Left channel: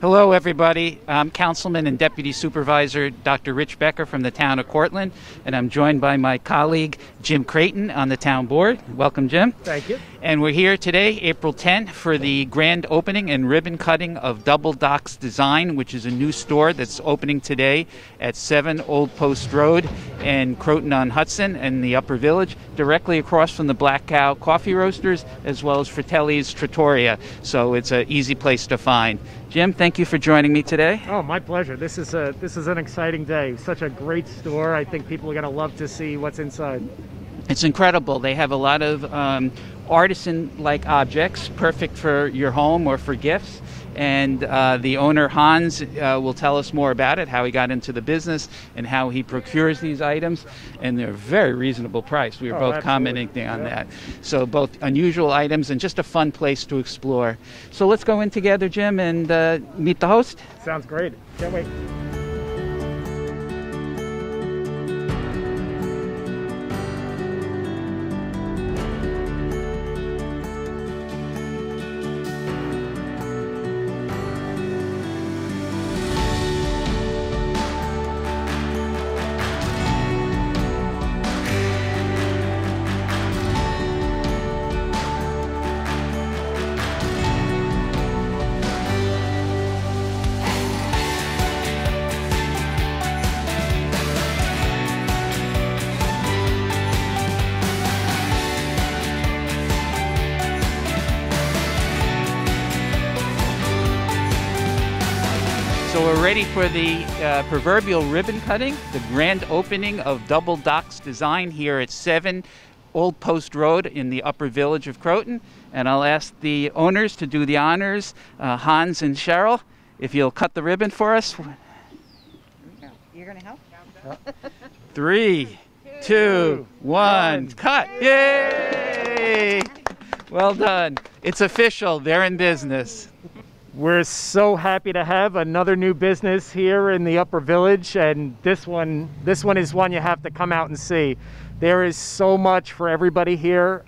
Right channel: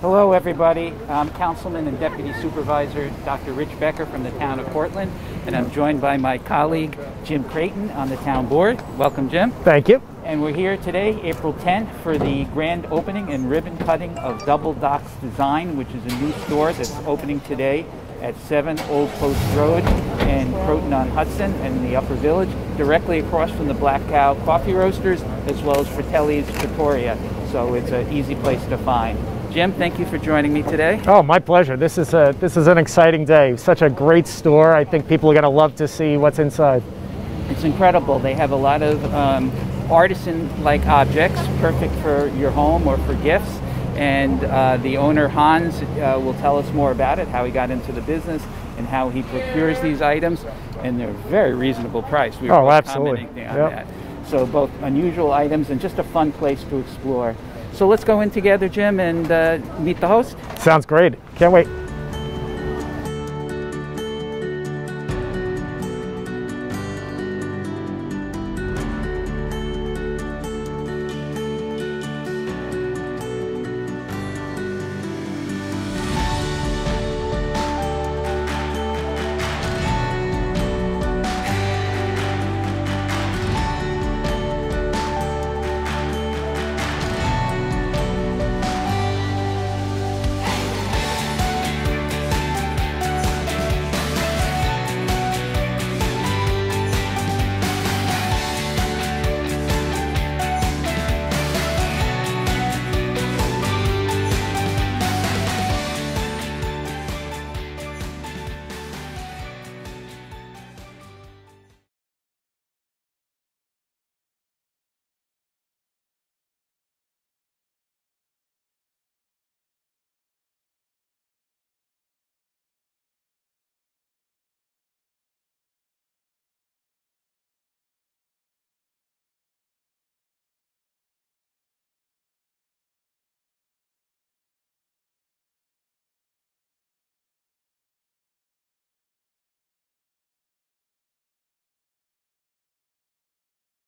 Hello, everybody. I'm Councilman and Deputy Supervisor Dr. Rich Becker from the town of Cortlandt, and I'm joined by my colleague Jim Creighton on the town board. Welcome, Jim. Thank you. And we're here today, April 10th, for the grand opening and ribbon cutting of Double Docks Design, which is a new store that's opening today at 7 Old Post Road in Croton-on-Hudson in the Upper Village, directly across from the Black Cow Coffee Roasters, as well as Fratelli's Trattoria. So it's an easy place to find. Jim, thank you for joining me today. Oh, my pleasure. This is an exciting day. Such a great store. I think people are going to love to see what's inside. It's incredible. They have a lot of artisan-like objects, perfect for your home or for gifts. And the owner, Hans, will tell us more about it, how he got into the business and how he procures these items. And they're very reasonable price. We were both commenting on that. So both unusual items and just a fun place to explore. So let's go in together, Jim, and meet the host. Sounds great. Can't wait. For the proverbial ribbon cutting, the grand opening of Double Docks Design here at 7 Old Post Road in the Upper Village of Croton. And I'll ask the owners to do the honors, Hans and Cheryl, if you'll cut the ribbon for us. You're going to help? 3, 2, 1, cut! Yay! Well done. It's official. They're in business. We're so happy to have another new business here in the Upper Village, and this one is one you have to come out and see. There is so much for everybody here.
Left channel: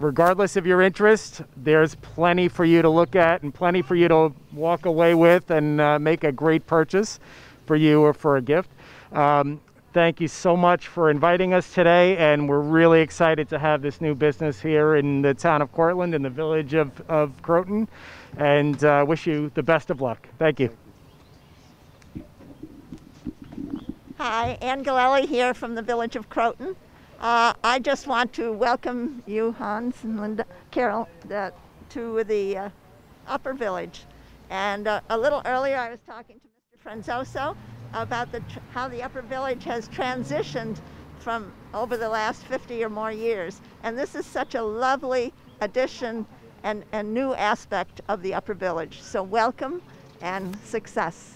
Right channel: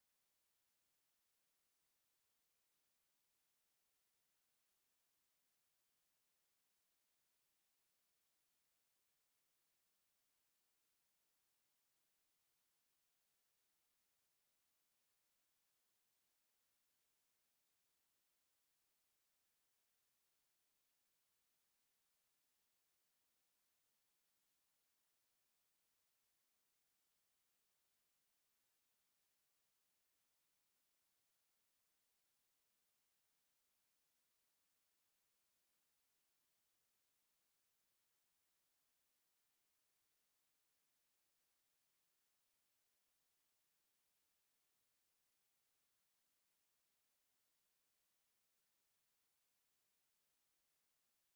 Regardless of your interest, there's plenty for you to look at and plenty for you to walk away with and make a great purchase for you or for a gift. Thank you so much for inviting us today, and we're really excited to have this new business here in the town of Cortlandt, in the village of Croton, and wish you the best of luck. Thank you. Hi, Ann Galelli here from the village of Croton. I just want to welcome you, Hans and Linda, Carol, to the Upper Village. And a little earlier I was talking to Mr. Franzoso about how the Upper Village has transitioned from over the last 50 or more years. And this is such a lovely addition and new aspect of the Upper Village. So welcome and success.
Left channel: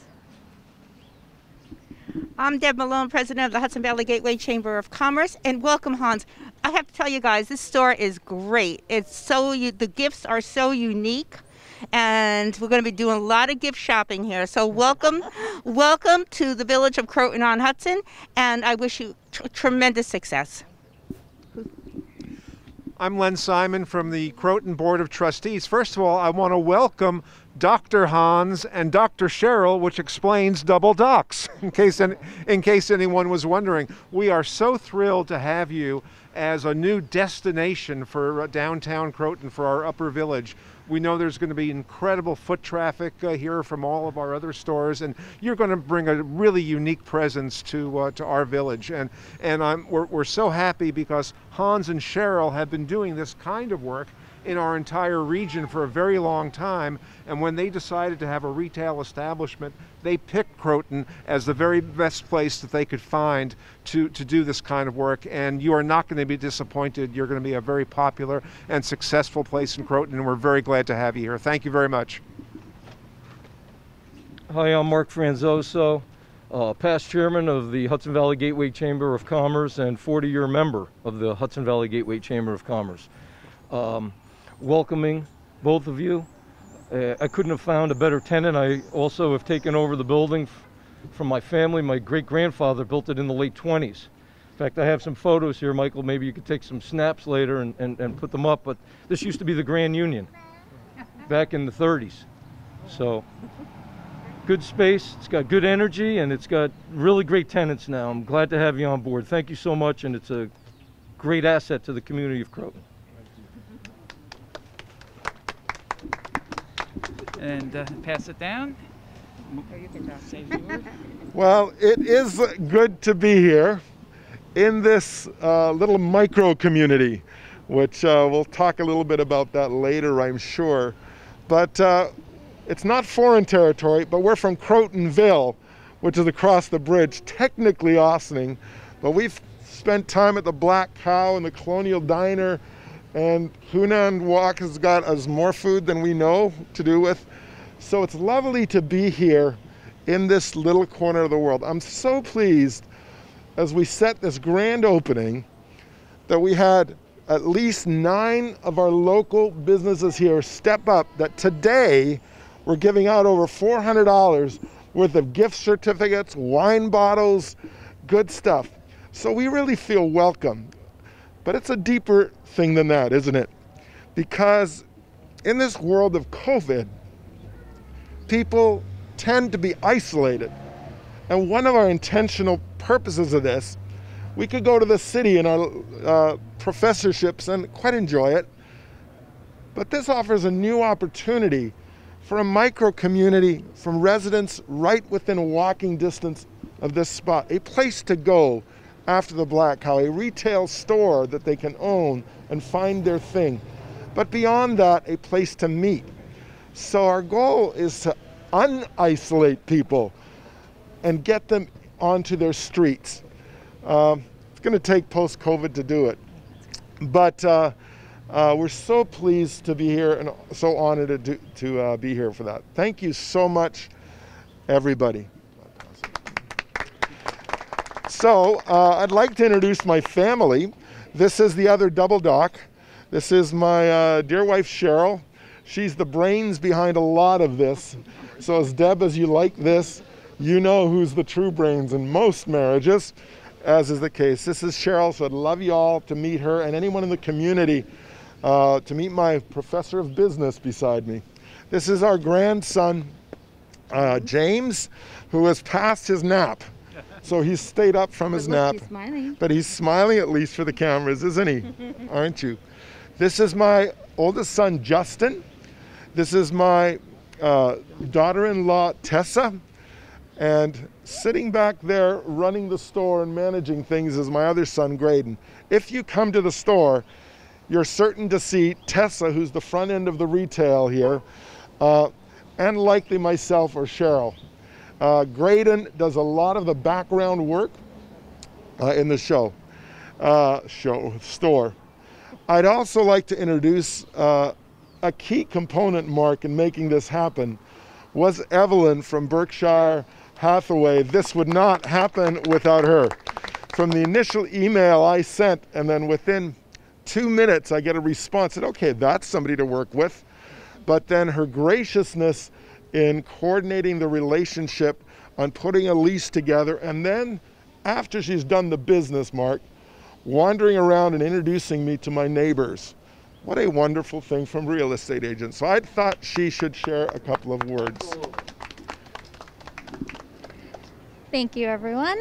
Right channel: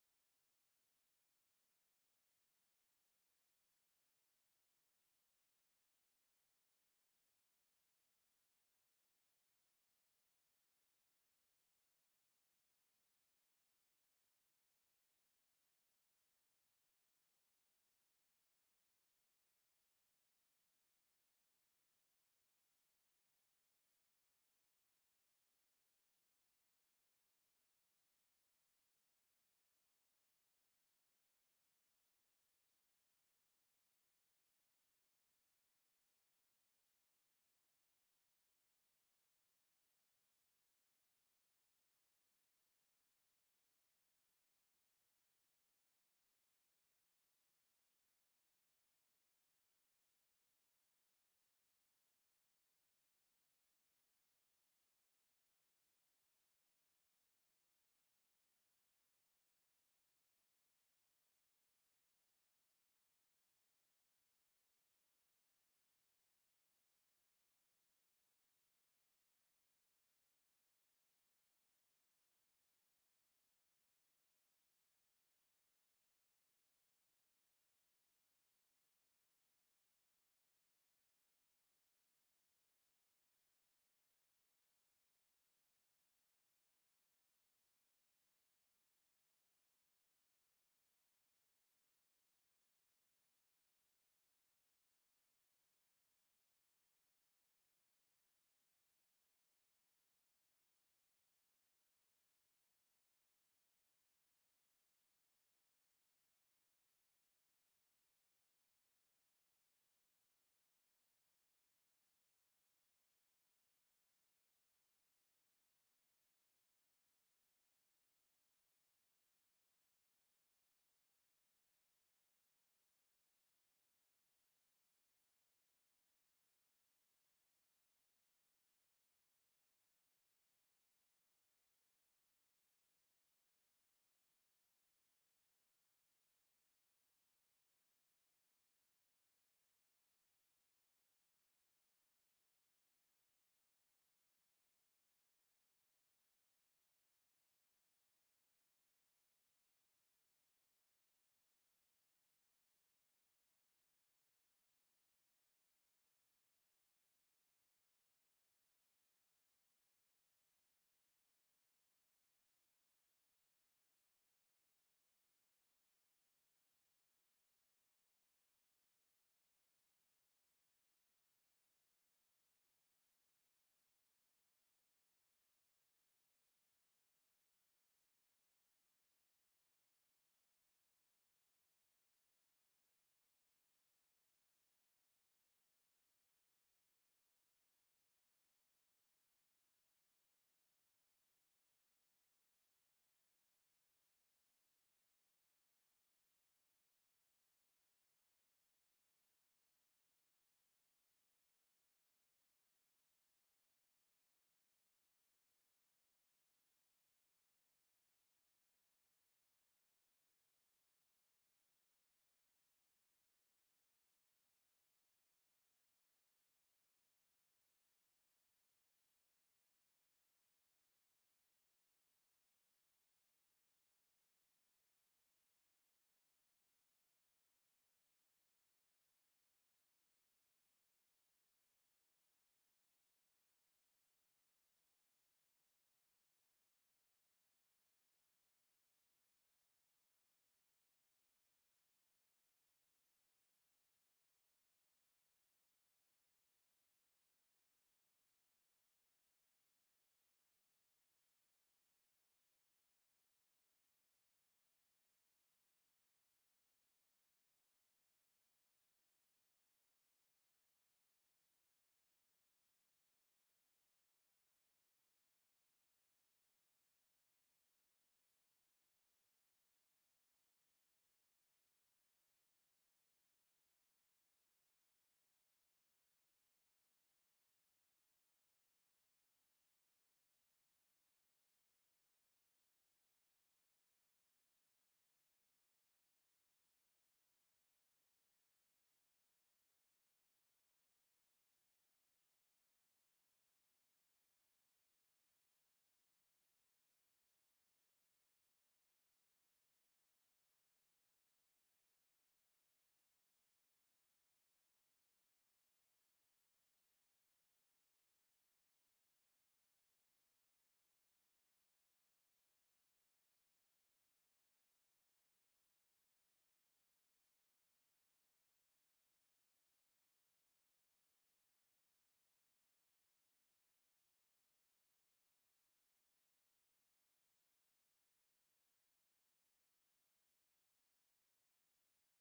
I'm Deb Malone, president of the Hudson Valley Gateway Chamber of Commerce, and welcome, Hans. I have to tell you guys, this store is great. It's the gifts are so unique, and we're going to be doing a lot of gift shopping here. So welcome, welcome to the village of Croton-on-Hudson, and I wish you tremendous success. I'm Len Simon from the Croton Board of Trustees. First of all, I want to welcome Dr. Hans and Dr. Cheryl, which explains Double Docks, in case anyone was wondering. We are so thrilled to have you as a new destination for downtown Croton, for our Upper Village. We know there's going to be incredible foot traffic here from all of our other stores, and you're going to bring a really unique presence to our village. And we're so happy because Hans and Cheryl have been doing this kind of work in our entire region for a very long time, and when they decided to have a retail establishment, they picked Croton as the very best place that they could find to do this kind of work. And you are not going to be disappointed. You're going to be a very popular and successful place in Croton, and we're very glad to have you here. Thank you very much. Hi, I'm Mark Franzoso, past chairman of the Hudson Valley Gateway Chamber of Commerce and 40-year member of the Hudson Valley Gateway Chamber of Commerce. Welcoming both of you. I couldn't have found a better tenant. I also have taken over the building from my family. My great-grandfather built it in the late 20s. In fact, I have some photos here, Michael. Maybe you could take some snaps later and put them up. But this used to be the Grand Union back in the 30s. So, good space, it's got good energy, and it's got really great tenants now. I'm glad to have you on board. Thank you so much, and it's a great asset to the community of Croton. And pass it down. Well, it is good to be here in this little micro community, which we'll talk a little bit about that later, I'm sure. But it's not foreign territory, but we're from Crotonville, which is across the bridge, technically Ossining, but we've spent time at the Black Cow and the Colonial Diner, and Hunan Wok has got us more food than we know to do with. So it's lovely to be here in this little corner of the world. I'm so pleased as we set this grand opening that we had at least 9 of our local businesses here step up, that today we're giving out over $400 worth of gift certificates, wine bottles, good stuff. So we really feel welcome. But it's a deeper thing than that, isn't it? Because in this world of COVID, people tend to be isolated. And one of our intentional purposes of this, we could go to the city in our professorships and quite enjoy it. But this offers a new opportunity for a micro community from residents right within walking distance of this spot. A place to go after the Black Cow, a retail store that they can own and find their thing. But beyond that, a place to meet. So our goal is to un-isolate people and get them onto their streets. It's going to take post-COVID to do it. But we're so pleased to be here and so honored to be here for that. Thank you so much, everybody. So I'd like to introduce my family. This is the other double dock. This is my dear wife, Cheryl. She's the brains behind a lot of this. So as Deb, as you like this, you know who's the true brains in most marriages, as is the case. This is Cheryl, so I'd love you all to meet her and anyone in the community to meet my professor of business beside me. This is our grandson, James, who has passed his nap. So he's stayed up from his nap. He's smiling. But he's smiling at least for the cameras, isn't he? Aren't you? This is my oldest son, Justin. This is my daughter-in-law, Tessa. And sitting back there running the store and managing things is my other son, Graydon. If you come to the store, you're certain to see Tessa, who's the front end of the retail here, and likely myself or Cheryl. Graydon does a lot of the background work in the store. I'd also like to introduce a key component, Mark, in making this happen was Evelyn from Berkshire Hathaway. This would not happen without her. From the initial email I sent, and then within 2 minutes I get a response, said, okay, that's somebody to work with. But then her graciousness in coordinating the relationship on putting a lease together, and then after she's done the business, Mark, wandering around and introducing me to my neighbors. What a wonderful thing from real estate agents. So I thought she should share a couple of words. Thank you, everyone.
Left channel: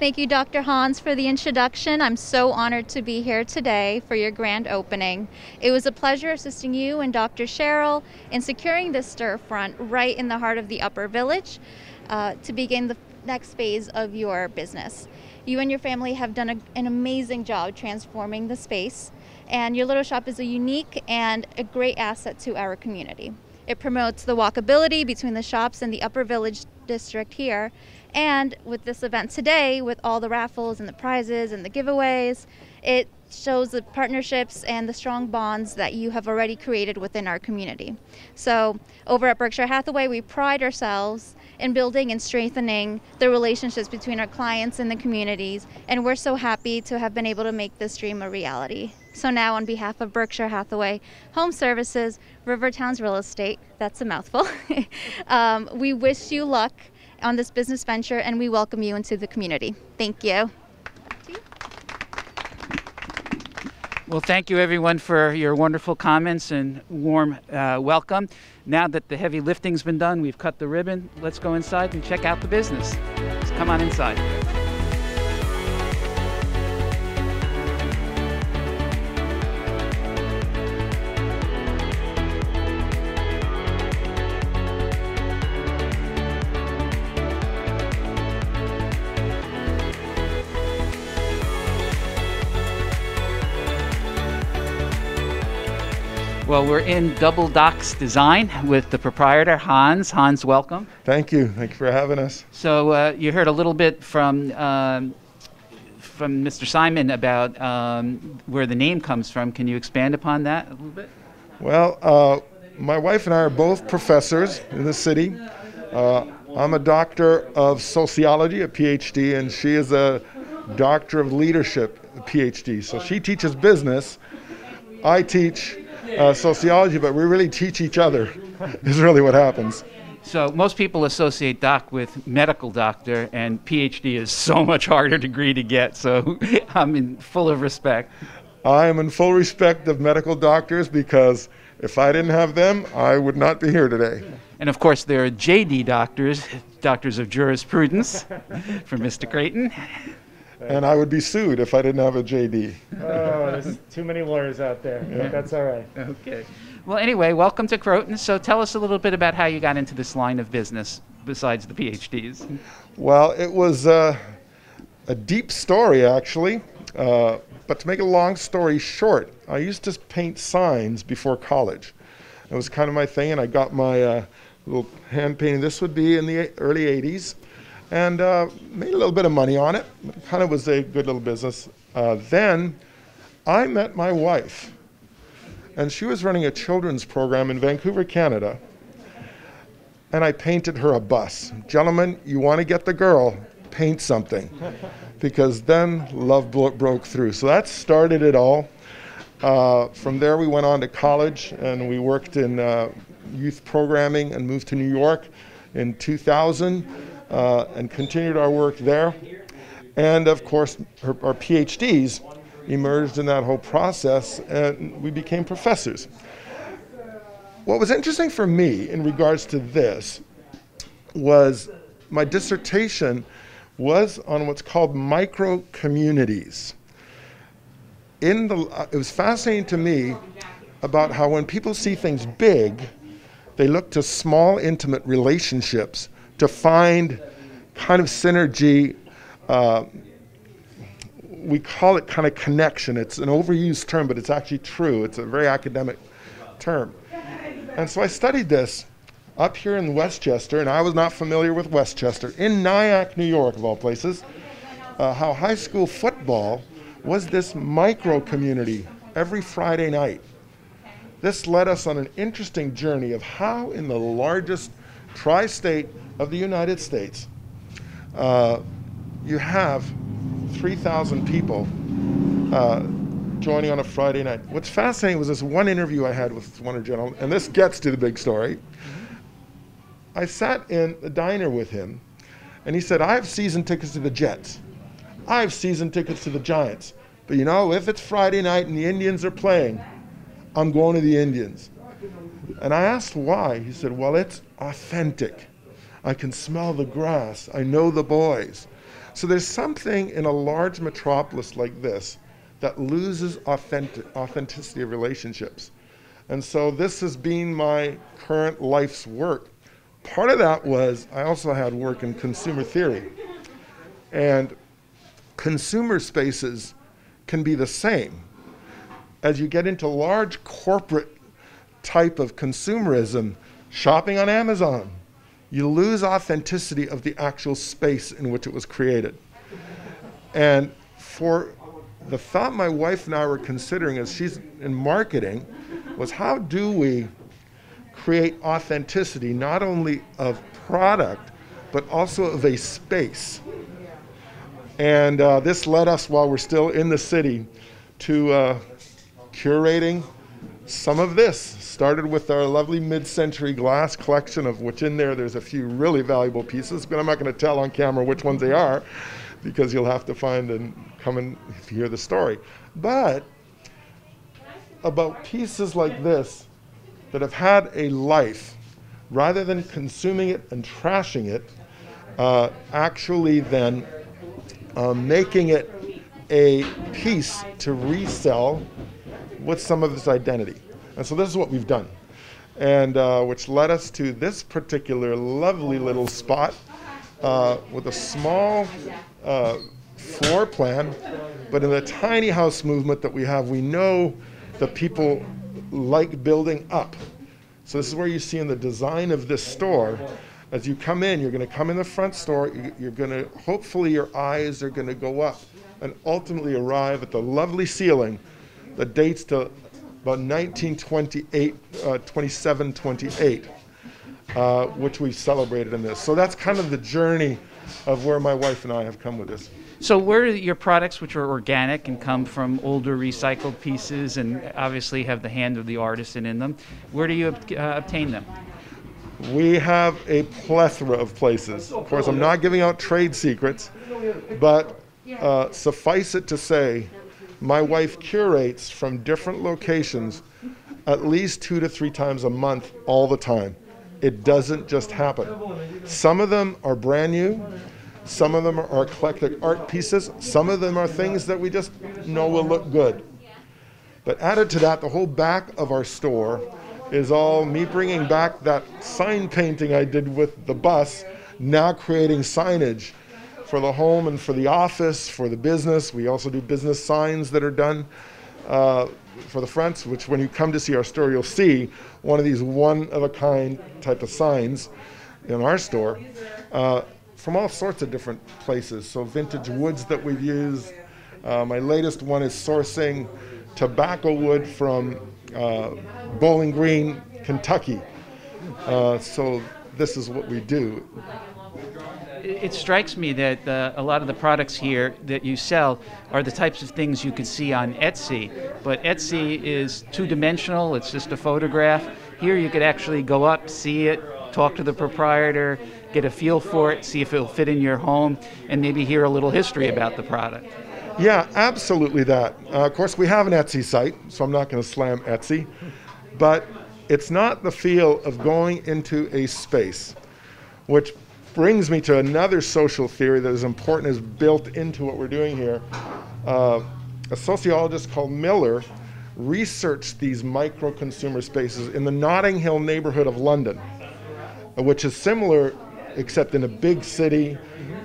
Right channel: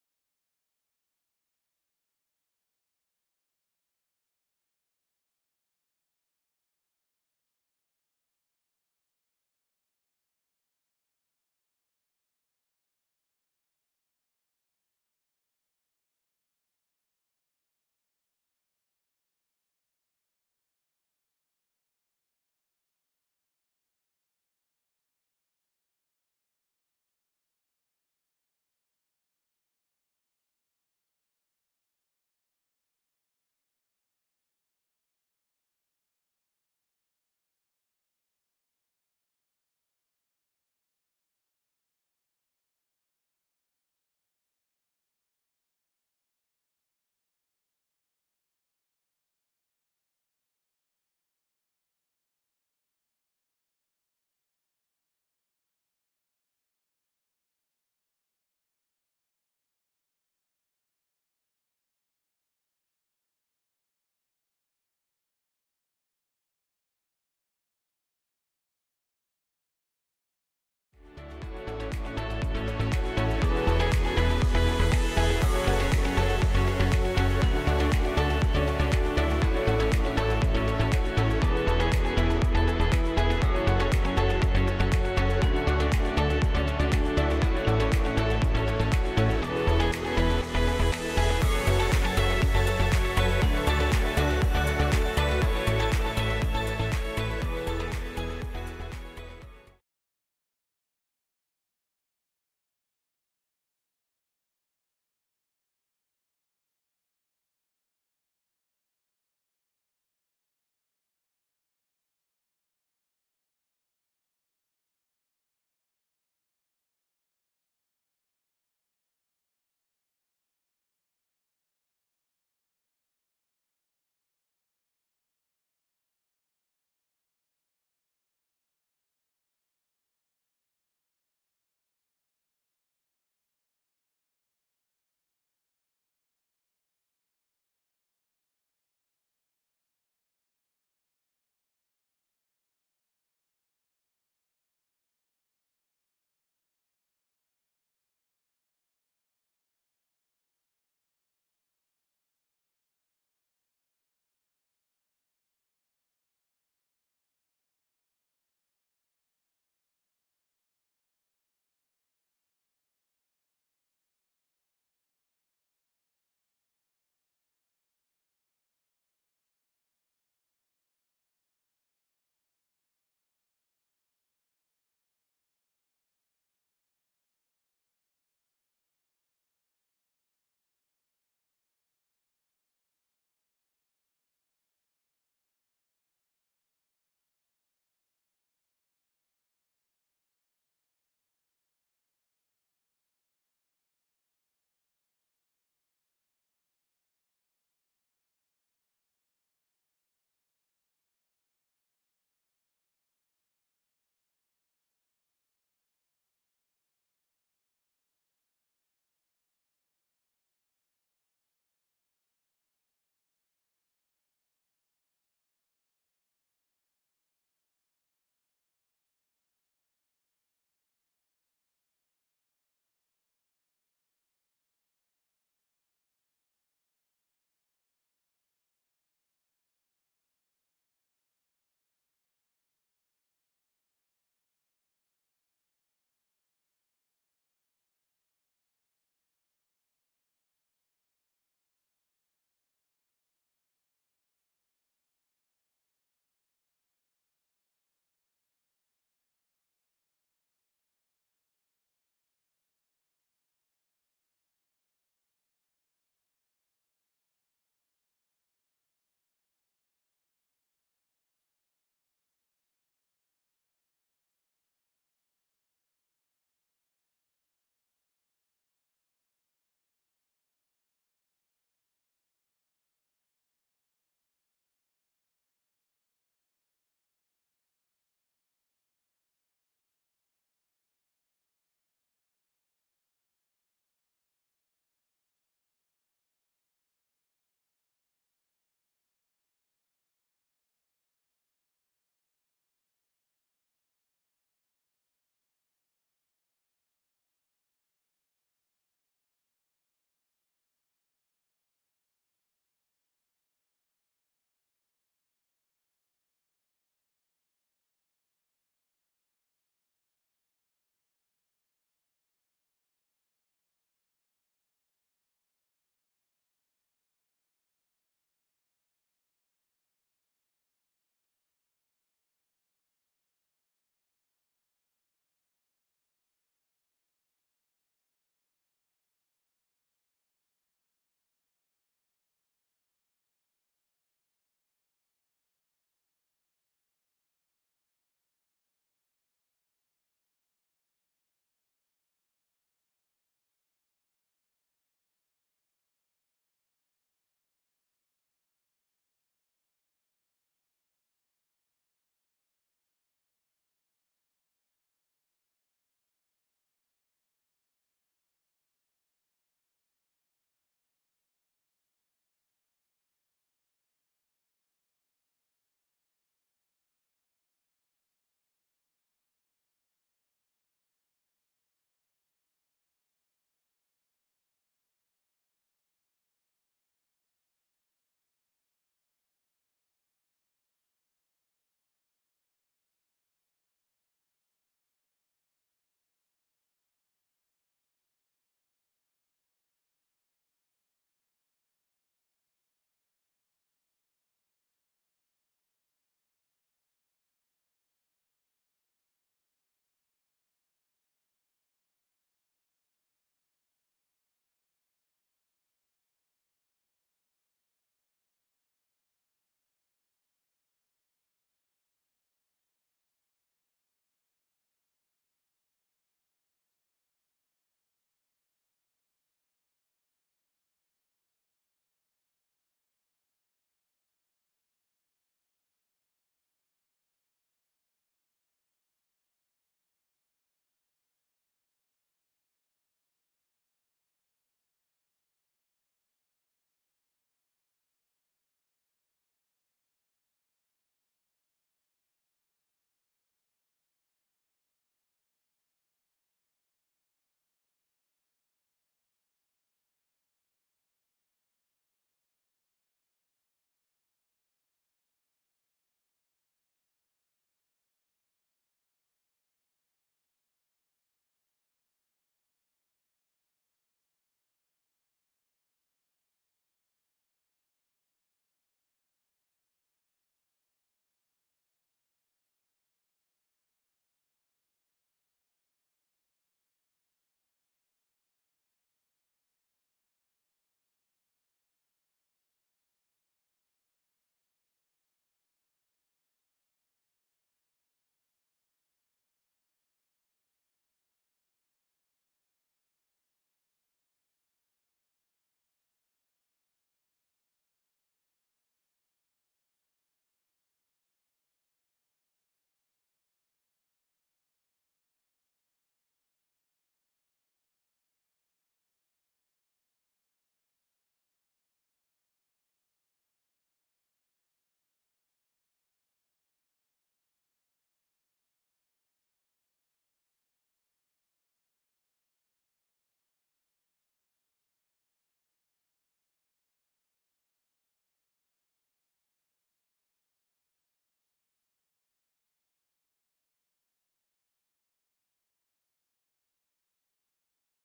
Thank you, Dr. Hans, for the introduction. I'm so honored to be here today for your grand opening. It was a pleasure assisting you and Dr. Cheryl in securing this storefront right in the heart of the Upper Village to begin the next phase of your business. You and your family have done an amazing job transforming the space, and your little shop is a unique and a great asset to our community. It promotes the walkability between the shops and the Upper Village district here. And with this event today, with all the raffles and the prizes and the giveaways, it shows the partnerships and the strong bonds that you have already created within our community. So over at Berkshire Hathaway, we pride ourselves in building and strengthening the relationships between our clients and the communities, and we're so happy to have been able to make this dream a reality. So now, on behalf of Berkshire Hathaway Home Services, Rivertown's Real Estate, that's a mouthful, we wish you luck on this business venture, and we welcome you into the community. Thank you. Well, thank you everyone for your wonderful comments and warm welcome. Now that the heavy lifting's been done, we've cut the ribbon, let's go inside and check out the business. Let's come on inside. Well, we're in Double Docks Design with the proprietor, Hans. Hans, welcome. Thank you. Thank you for having us. So you heard a little bit from Mr. Simon about where the name comes from. Can you expand upon that a little bit? Well, my wife and I are both professors in the city. I'm a doctor of sociology, a PhD, and she is a doctor of leadership, a PhD. So she teaches business. I teach sociology, but we really teach each other is really what happens. So most people associate doc with medical doctor, and PhD is so much harder degree to get, so I'm in full of respect. I am in full respect of medical doctors because if I didn't have them, I would not be here today. And of course there are JD doctors, doctors of jurisprudence, for Mr. Creighton. And I would be sued if I didn't have a JD. Oh, there's too many lawyers out there. Yeah. That's all right. Okay. Well, anyway, welcome to Croton. So tell us a little bit about how you got into this line of business besides the PhDs. Well, it was a deep story, actually. But to make a long story short, I used to paint signs before college. It was kind of my thing, and I got my little hand painting. This would be in the early 80s. And made a little bit of money on it. It kind of was a good little business. Then I met my wife, and she was running a children's program in Vancouver, Canada. And I painted her a bus. Gentlemen, you want to get the girl, paint something. Because then love broke through. So that started it all. From there we went on to college, and we worked in youth programming and moved to New York in 2000. And continued our work there. And of course, our PhDs emerged in that whole process, and we became professors. What was interesting for me in regards to this was my dissertation was on what's called micro-communities. It was fascinating to me about how when people see things big, they look to small, intimate relationships to find kind of synergy. We call it kind of connection. It's an overused term, but it's actually true. It's a very academic term. And so I studied this up here in Westchester, and I was not familiar with Westchester, in Nyack, New York, of all places, how high school football was this micro-community every Friday night. This led us on an interesting journey of how in the largest tri-state of the United States, you have 3,000 people joining on a Friday night. What's fascinating was this one interview I had with one of the gentlemen, and this gets to the big story. I sat in the diner with him, and he said, I have season tickets to the Jets. I have season tickets to the Giants. But you know, if it's Friday night and the Indians are playing, I'm going to the Indians. And I asked why. He said, well, it's authentic. I can smell the grass. I know the boys. So there's something in a large metropolis like this that loses authenticity of relationships. And so this has been my current life's work. Part of that was I also had work in consumer theory. And consumer spaces can be the same. As you get into large corporate type of consumerism, shopping on Amazon, you lose authenticity of the actual space in which it was created. And for the thought my wife and I were considering as she's in marketing was how do we create authenticity not only of product, but also of a space. And this led us, while we're still in the city, to curating some of this. Started with our lovely mid-century glass collection, of which in there's a few really valuable pieces, but I'm not going to tell on camera which ones they are, because you'll have to find and come and hear the story. But about pieces like this that have had a life, rather than consuming it and trashing it, actually then making it a piece to resell with some of its identity. And so this is what we've done, and which led us to this particular lovely little spot with a small floor plan, but in the tiny house movement that we have, we know that people like building up. So this is where you see in the design of this store, as you come in, you're going to come in the front store, you're going to, hopefully your eyes are going to go up and ultimately arrive at the lovely ceiling that dates to about 1928, 27, 28, which we celebrated in this. So that's kind of the journey of where my wife and I have come with this. So where are your products, which are organic and come from older recycled pieces and obviously have the hand of the artisan in them, where do you obtain them? We have a plethora of places. Of course, I'm not giving out trade secrets, but suffice it to say, my wife curates from different locations at least 2 to 3 times a month all the time. It doesn't just happen. Some of them are brand new. Some of them are eclectic art pieces. Some of them are things that we just know will look good. But added to that, the whole back of our store is all me bringing back that sign painting I did with the bus, now creating signage for the home and for the office, for the business. We also do business signs that are done for the fronts, which when you come to see our store, you'll see one of these one-of-a-kind type of signs in our store. From all sorts of different places. So vintage woods that we've used. My latest one is sourcing tobacco wood from Bowling Green, Kentucky. So this is what we do. It strikes me that a lot of the products here that you sell are the types of things you could see on Etsy, but Etsy is two-dimensional, it's just a photograph. Here you could actually go up, see it, talk to the proprietor, get a feel for it, see if it'll fit in your home, and maybe hear a little history about the product. Yeah, absolutely that. Of course, we have an Etsy site, so I'm not going to slam Etsy, but it's not the feel of going into a space, which brings me to another social theory that is important, is built into what we're doing here. A sociologist called Miller researched these micro-consumer spaces in the Notting Hill neighborhood of London, which is similar, except in a big city,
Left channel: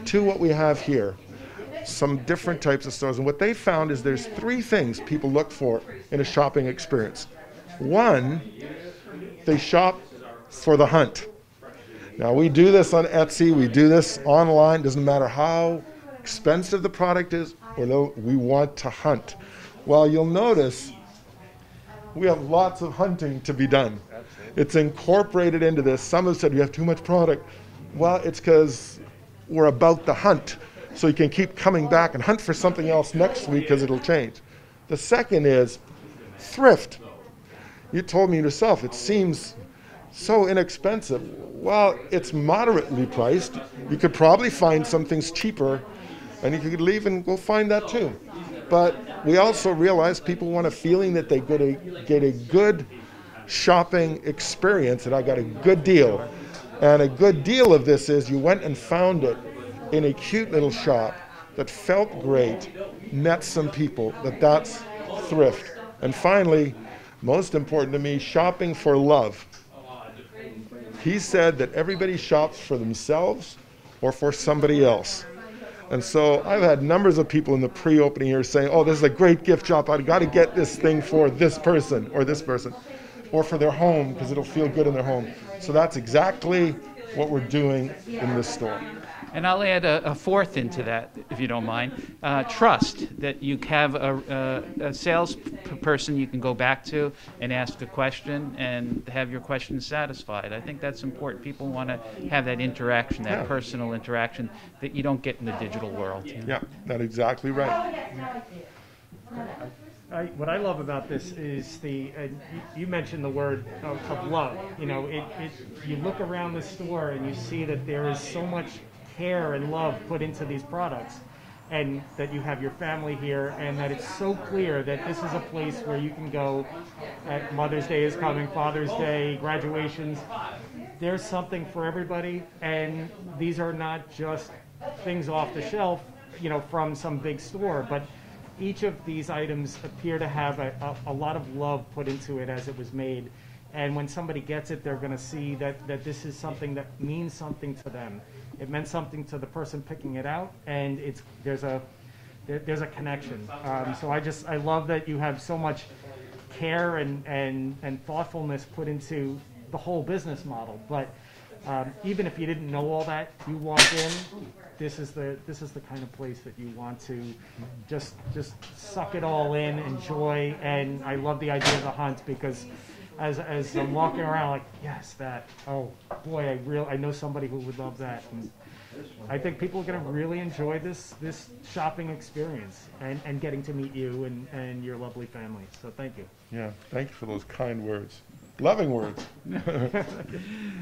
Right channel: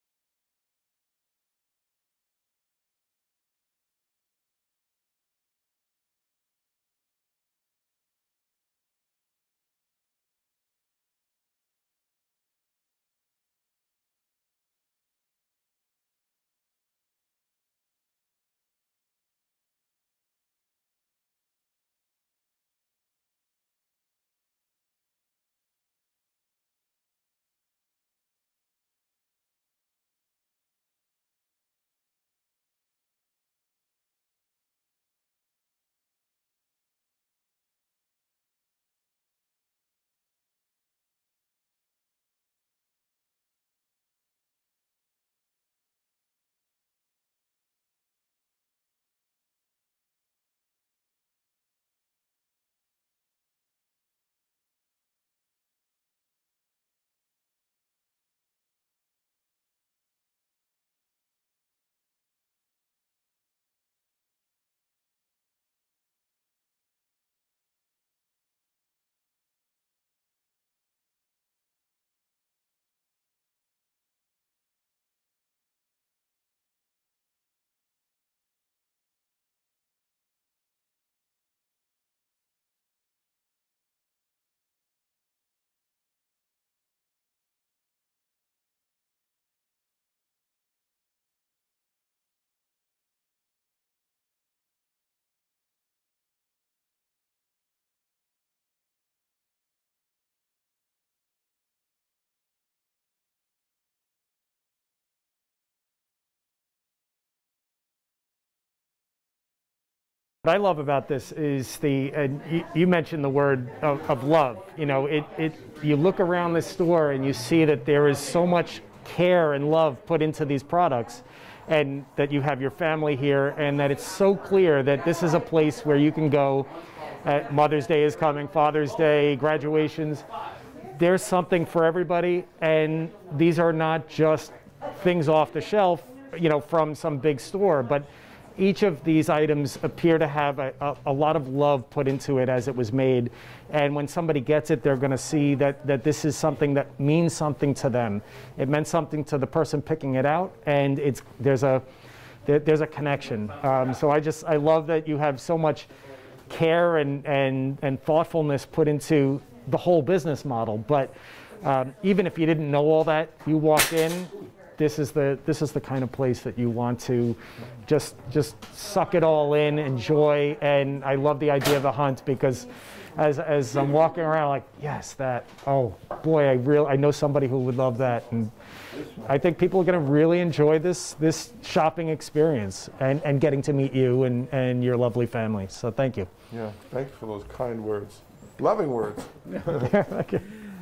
to what we have here. Some different types of stores. And what they found is there's 3 things people look for in a shopping experience. One, they shop for the hunt. Now, we do this on Etsy, we do this online, doesn't matter how expensive the product is, or we want to hunt. Well, you'll notice we have lots of hunting to be done. It's incorporated into this. Some have said we have too much product. Well, it's because we're about the hunt, so you can keep coming back and hunt for something else next week because it'll change. The second is thrift. You told me yourself, it seems so inexpensive. Well, it's moderately priced. You could probably find some things cheaper, and you could leave and go find that too. But we also realize people want a feeling that they get a good shopping experience, and I got a good deal. And a good deal of this is you went and found it in a cute little shop that felt great, met some people, that's thrift. And finally, most important to me, shopping for love. He said that everybody shops for themselves or for somebody else. And so I've had numbers of people in the pre-opening here saying, oh, this is a great gift shop, I've got to get this thing for this person, or for their home because it'll feel good in their home. So that's exactly what we're doing in this store. And I'll add a fourth into that, if you don't mind. Trust, that you have a salesperson you can go back to and ask a question and have your question satisfied. I think that's important. People want to have that interaction, that personal interaction that you don't get in the digital world. Yeah, that's exactly right. What I love about this is you mentioned the word of love. You know, you look around this store and you see that there is so much care and love put into these products, and that you have your family here, and that it's so clear that this is a place where you can go Mother's Day is coming, Father's Day, graduations. There's something for everybody, and these are not just things off the shelf, from some big store, but each of these items appear to have a lot of love put into it as it was made. And when somebody gets it, they're going to see that this is something that means something to them. It meant something to the person picking it out, and there's a connection. So I love that you have so much care and thoughtfulness put into the whole business model. But even if you didn't know all that, you walk in. This is the kind of place that you want to just suck it all in, enjoy, and I love the idea of the hunt because as I'm walking around, like, yes, oh boy, I know somebody who would love that, and I think people are going to really enjoy this shopping experience and getting to meet you and your lovely family. So thank you. Yeah, thank you for those kind words, loving words. Okay.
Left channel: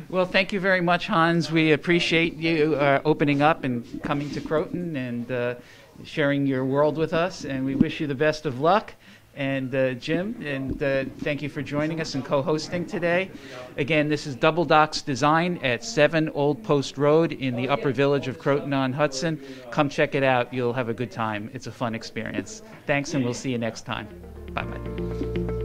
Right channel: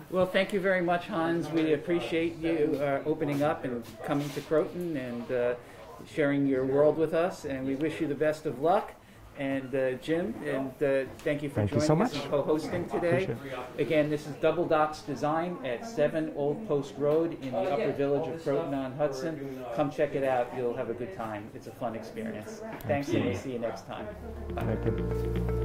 Well, thank you very much, Hans. We appreciate you opening up and coming to Croton and sharing your world with us, and we wish you the best of luck. And Jim, and thank you for joining us and co-hosting today. Again, this is Double Docks Design at 7 Old Post Road in the Upper Village of Croton-on-Hudson. Come check it out. You'll have a good time. It's a fun experience. Thanks, and we'll see you next time. Bye.